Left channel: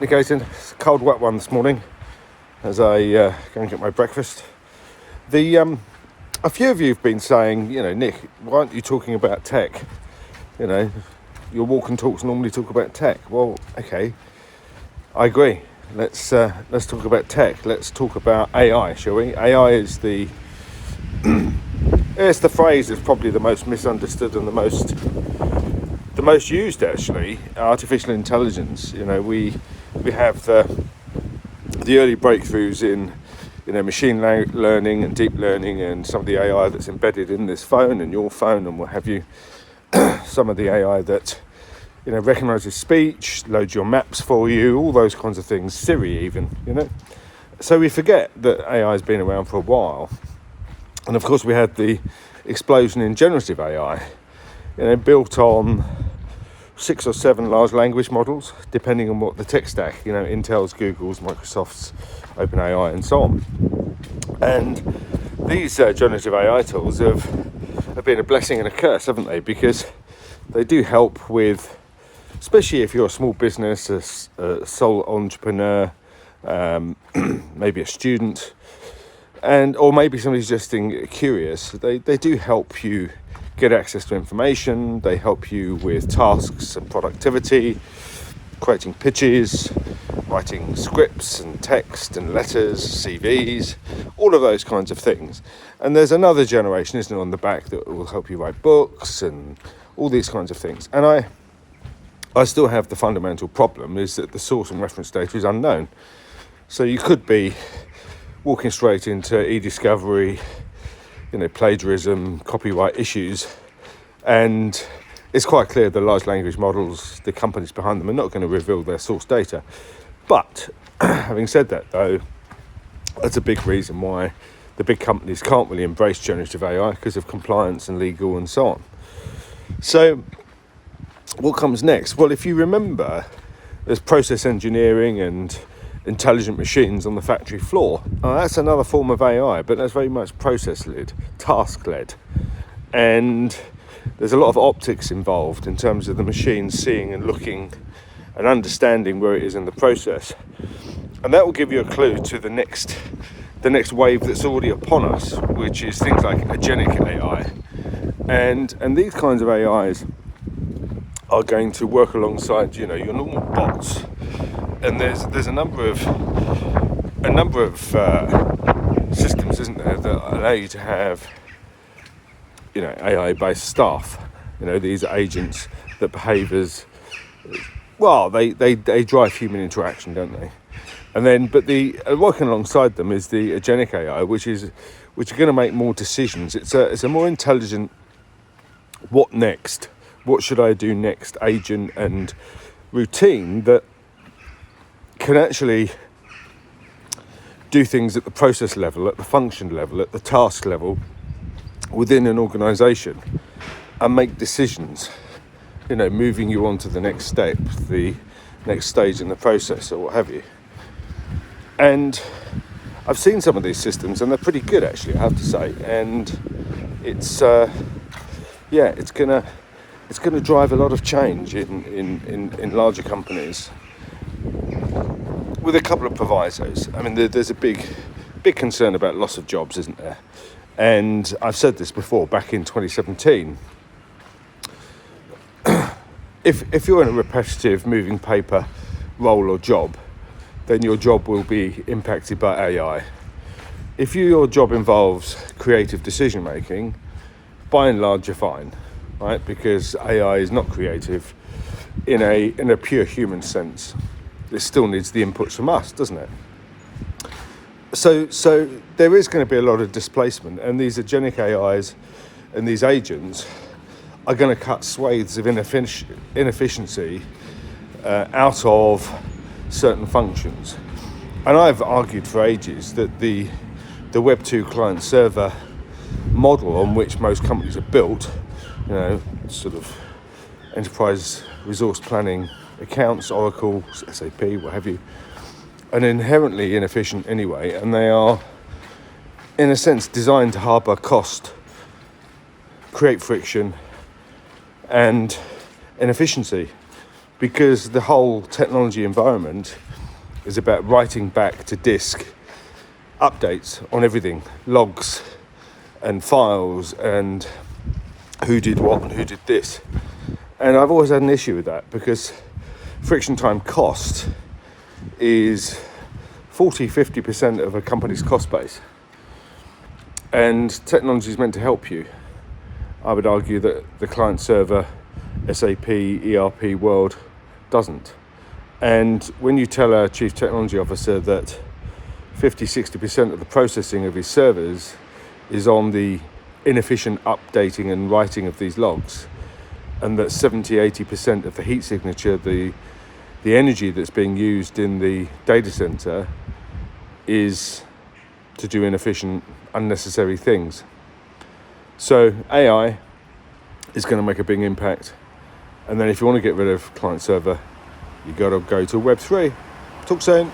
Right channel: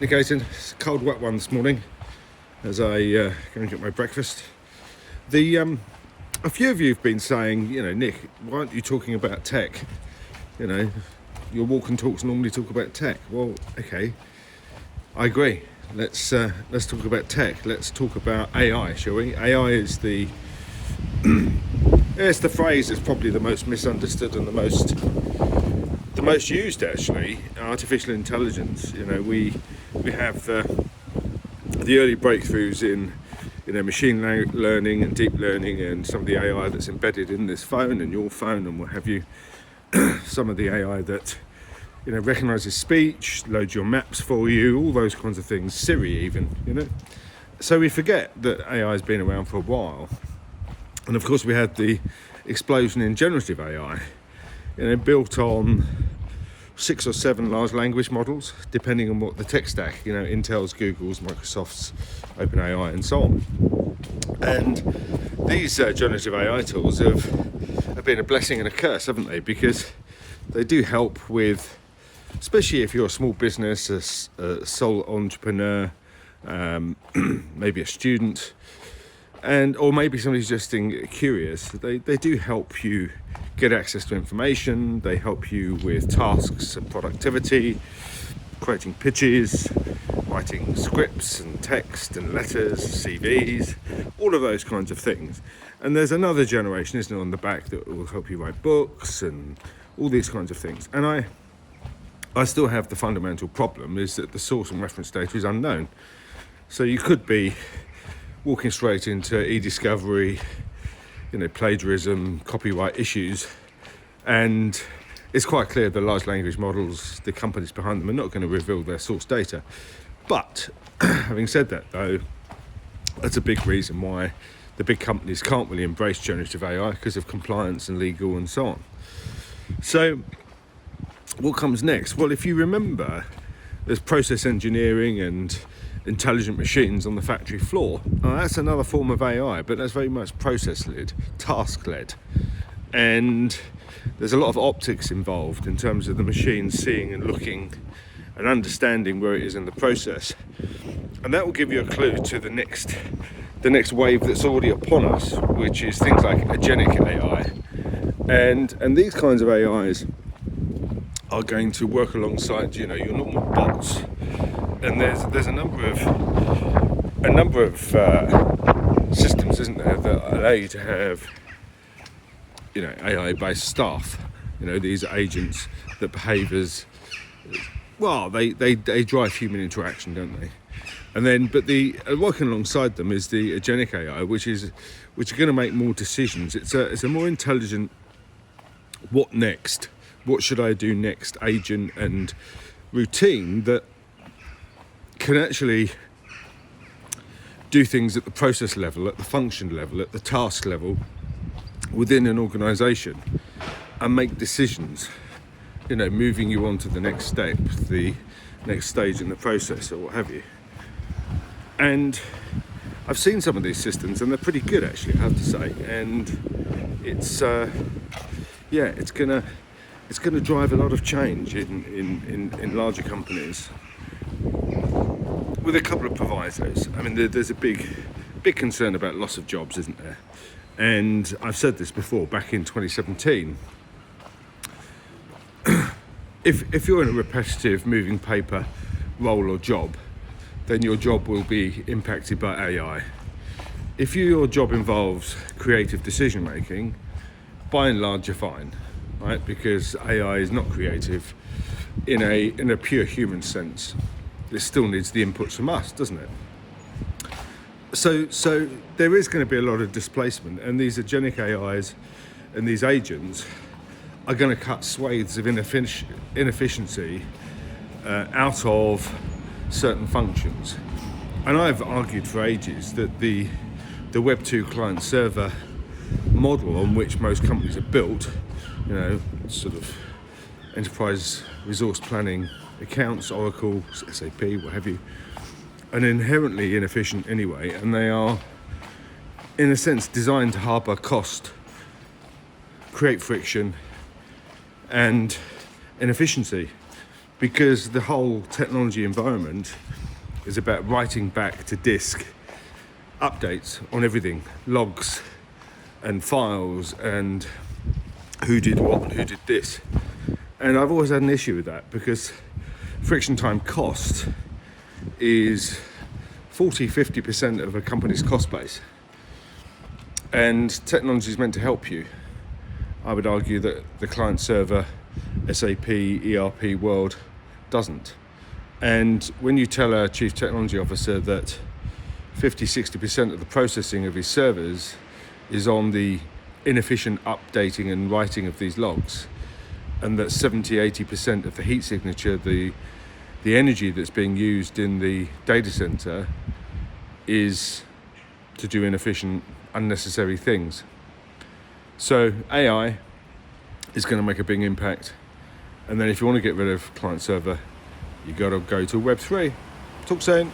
Negating. It's a cold, wet one this morning as I go and get my breakfast. A few of you have been saying, Nick, why aren't you talking about tech? Your walk and talks normally talk about tech. Well, okay, I agree. Let's talk about tech. Let's talk about AI, shall we? AI is it's the phrase that's probably the most misunderstood and the most used, actually. Artificial intelligence. We have the early breakthroughs in machine learning and deep learning, and some of the AI that's embedded in this phone and your phone and what have you. Some of the AI that recognizes speech, loads your maps for you, all those kinds of things. Siri even. So we forget that AI has been around for a while, and of course we had the explosion in generative AI, built on 6 or 7 large language models, depending on what the tech stack, Intel's, Google's, Microsoft's, OpenAI, and so on. And these generative AI tools have been a blessing and a curse, haven't they? Because they do help with, especially if you're a small business, a sole entrepreneur, maybe a student, or maybe somebody's just curious. They do help you get access to information. They help you with tasks and productivity, creating pitches, writing scripts and text and letters, CVs, all of those kinds of things. And there's another generation, isn't it, on the back that will help you write books and all these kinds of things. And I still have the fundamental problem is that the source and reference data is unknown. So you could be walking straight into e-discovery, plagiarism, copyright issues, and it's quite clear the large language models, the companies behind them, are not going to reveal their source data. But having said that, though, that's a big reason why the big companies can't really embrace generative AI, because of compliance and legal and so on. So what comes next? Well, if you remember, there's process engineering and intelligent machines on the factory floor. That's another form of AI, but that's very much process-led, task-led. And there's a lot of optics involved in terms of the machine seeing and looking and understanding where it is in the process. And that will give you a clue to the next wave that's already upon us, which is things like agentic AI. And these kinds of AIs are going to work alongside, your normal bots. And there's a number of systems, isn't there, that allow you to have, AI-based staff. These agents that behave as, well, they drive human interaction, don't they? And then, but working alongside them is the agentic AI, which are going to make more decisions. It's a more intelligent, what next? What should I do next? Agent and routine that can actually do things at the process level, at the function level, at the task level within an organisation, and make decisions, moving you on to the next step, the next stage in the process, or what have you. And I've seen some of these systems, and they're pretty good, actually, I have to say. And it's gonna drive a lot of change in larger companies, with a couple of provisos. I mean, there's a big concern about loss of jobs, isn't there? And I've said this before, back in 2017. If you're in a repetitive moving paper role or job, then your job will be impacted by AI. If your job involves creative decision making, by and large you're fine, right? Because AI is not creative in a pure human sense. It still needs the inputs from us, doesn't it? So there is going to be a lot of displacement, and these agentic AIs and these agents are going to cut swathes of inefficiency out of certain functions. And I've argued for ages that the Web 2 client server model on which most companies are built, sort of enterprise resource planning, accounts, Oracle, SAP, what have you, are inherently inefficient anyway, and they are, in a sense, designed to harbour cost, create friction and inefficiency. because the whole technology environment is about writing back to disk updates on everything, logs and files, and who did what and who did this. And I've always had an issue with that, because friction time cost is 40-50% of a company's cost base, and technology is meant to help you. I would argue that the client server SAP ERP world doesn't. And when you tell a chief technology officer that 50-60% of the processing of his servers is on the inefficient updating and writing of these logs, and that 70-80% of the heat signature, the energy that's being used in the data center, is to do inefficient, unnecessary things. So AI is going to make a big impact. And then if you want to get rid of client server, you've got to go to Web3. Talk soon.